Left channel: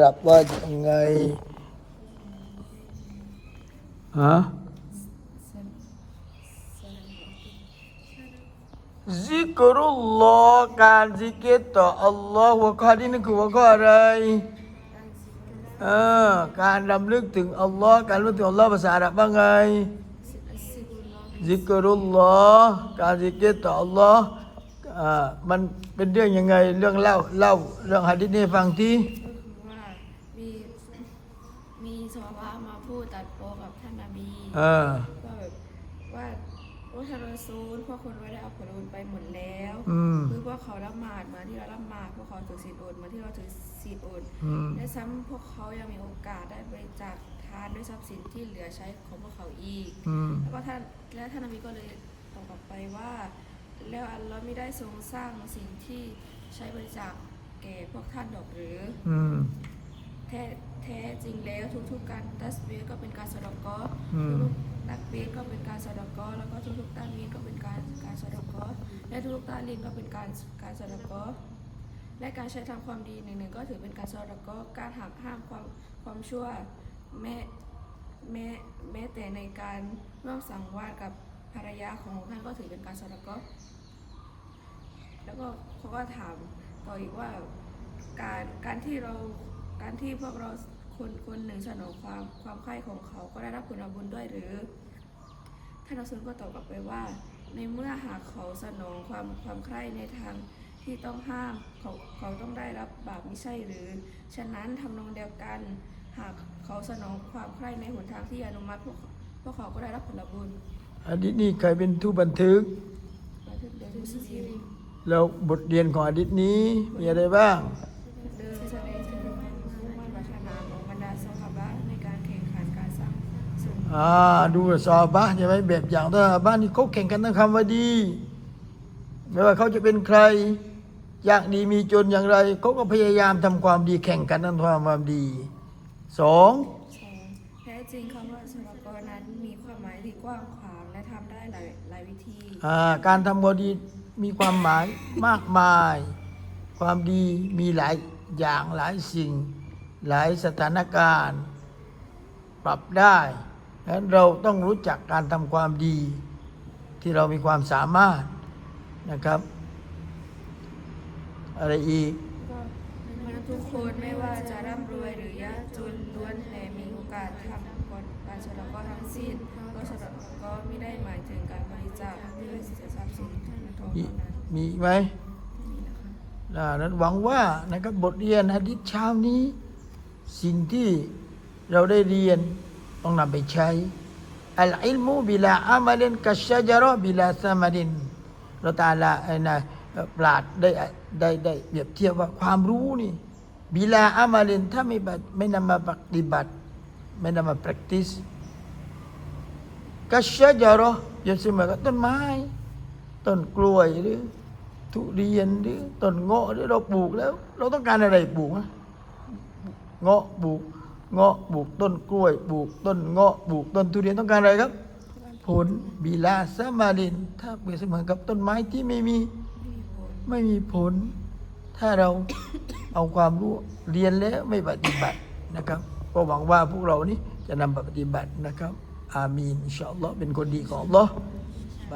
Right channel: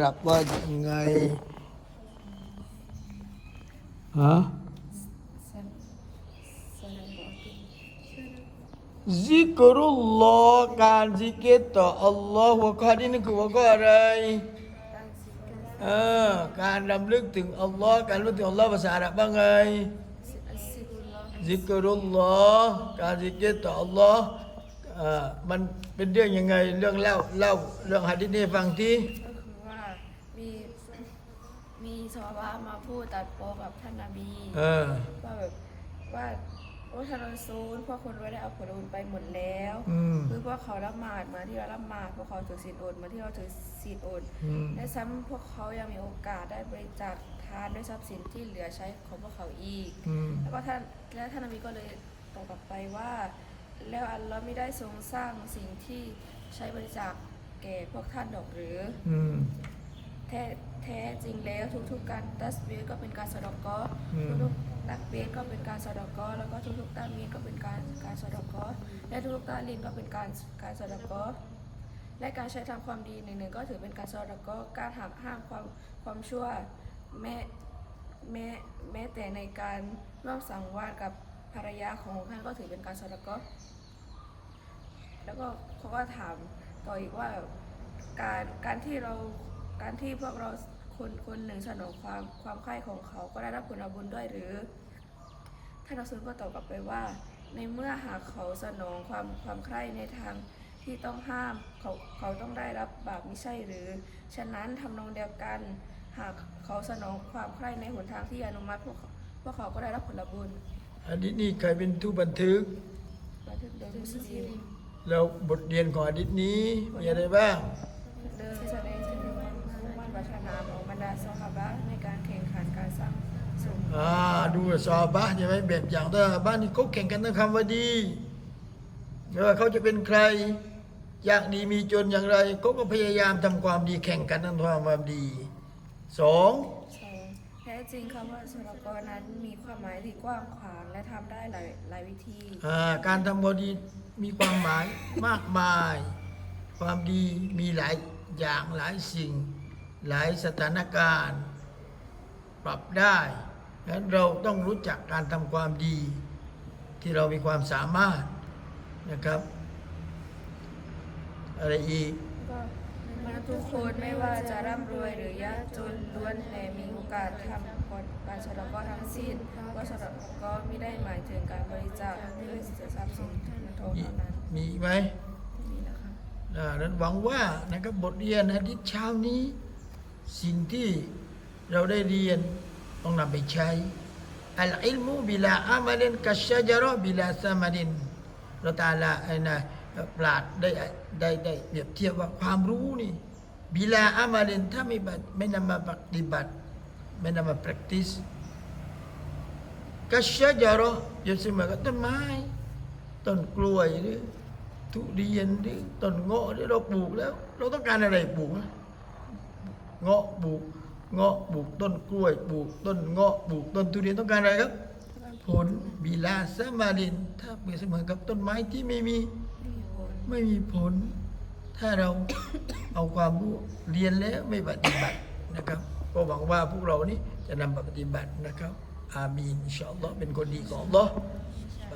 ปรับว่ายังไงฮะซิกรุลลอฮ์การซิกรต่ออัลลอฮ์หัวข้อที่นี่คือหัวข้ออะไรเออการรำลึกถึงอัลลอฮ์การรู้ถึงอัลลอฮ์ภาษาอาหรับว่าไงซิกรุลลอฮ์การซิกรต่ออัลลอฮ์อ่ามันเป็นเรื่องยังไงเรื่องเล่าเล่าเรื่องหะดีษนี้ให้ฟังที่ก็คือว่ามีมี สวามาพูดตัดโปอกับท่านนาบีเออว่าแบบว่าโอ้ท่านรอซูลพวกคนไม่ได้เอาผลบุญไปหมดแล้วอืม คือพวกเขาละหมาดเหมาที่เราละหมาดพวกเขาถือศีลอดเหมาที่เราถือศีลอดอืม และซ้ำพวกเขายังมีโอกาสได้บริจาคทานด้วยทรัพย์สินที่เหลือใช้ของพวกเขาอีก อืม แล้วก็ท่านและท่านนบีก็เลยตอบกลับไปว่า แล้วอัลลอฮ์ไม่ได้ทรงสร้างสิ่งที่ใช้บริจาคแก่พวกท่านดอกหรือ อืม แท้แท้จริงแล้วทุกๆการตัสบีฮ์ก็เป็นการสะเดอกกออืมทุกๆตักบีฮ์ก็เป็นการสะเดอกกอแล้วก็ทุกๆตามีนก็เป็นการการสะเดอกกอและทุกๆตาลินก็เป็นการการสะเดอกกอและการใช้ทำความดีหนึ่งๆก็ถือเป็นการสะเดอกกอการหักห้ามความความชั่วแม้แม้แม้แต่ในการร่วมสังวาสกับภรรยาของท่านก็ถือเป็นการสะเดอกกอแล้วก็เขาก็ถามต่ออีกว่าการการที่เรา การที่พวกเราคนคนหนึ่งสนองความความใคร่ของเขาก็ได้รับผลบุญด้วยหรือ ท่านอัสซุลก็ตอบกลับไปว่า ในเมื่อหากเขาสนองความความใคร่ในทางที่ต้องห้ามเขาเขาต้องได้รับบาปไม่ใช่หรือ ฉะนั้นทำนองเดียวกัน หากเขาสนองความใคร่ในหนทางที่อนุมัติพวกเขาพวกเขาก็ได้รับผลบุญอันนี้นี่ใครเป็นผู้บันทึกบันทึกโดยมุสลิมแล้วบทเรียนของอดีตนี้มีอะไรบ้าง เดิมแสดงถึงมุ่งมั่นปรารถนา ของบรรดาซอฮาบะห์ในการแข่งขันการสร้างสมอ่าดูซอฮาบ้านใช่ไหมแบบอย่างซอฮาบ้านนี่เขาแข่งกันทั้งคำว่าดี ไม่ว่าเขาจะเป็นใครยากดีมีจนอย่างไรเขาก็พยายามทำความดีแข่งกันทำความดีสองสองแท้จริงคำว่าสรกรนั้นมีความหมายที่กว้างขวางและทำได้หลายหลายวิธี อ่าการทำความดีมีความหมาย มากมาย ความดีมีหลายอย่างหลายสิ่ง หลายสถานการณ์ ปรับได้ดังนั้นเราต้องรู้จักการทำความดี ที่เรามีความสามารถนะครับ อะไรอีกก็มนุษย์ทุกคนไม่ว่าจะร่ำรวยหรือยากจนล้วนแต่มีโอกาสทำการสรกรทั้งสิ้นก็สรกรไม่ได้หมายถึงการบริจาคด้วยทรัพย์สินเงินทองมีเท่านั้นมีอีกไหมนี่นะคะอ่านั้นหวังว่านะครับบทเรียนฮะดิษเช้านี้ สิ่งที่เราได้เรียนต้องนำไปใช้อัลอิลมูบิลาอามัลินกัชชะจาระบิลาสมารินเราตาลาไอ้นะปราดได้ได้ได้เปรียบเทียบว่าความรู้นี่บิลาอามัลินถ้าไม่บัติไม่นำมาปฏิบัติ ไม่นำมา practice กัชชะจาระอย่าเสมอกับต้นไม้ต้นกล้วยหรือทุเรียนหรือต้นเงาะหรือเราปลูกแล้ว เราต้องการอะไรปลูกอะ เงาะปลูกเงาะปลูกต้นกล้วยปลูกต้นเงาะปลูกต้นทุเรียนต้องการอะไรครับ ผลบิลาสมาริน ถ้าเปรียบเสมือนกับต้นไม้ที่ไม่มีมีผลไม่มีผล ถ้าเราเอาความรู้เรียนแล้วไม่ปฏิบัตินะครับก็หวังว่าพวกเรานี้จะนำไปปฏิบัตินะครับ อามีนอินชาอัลลอฮ์เป็นคนดีของอัลลอฮ์ไป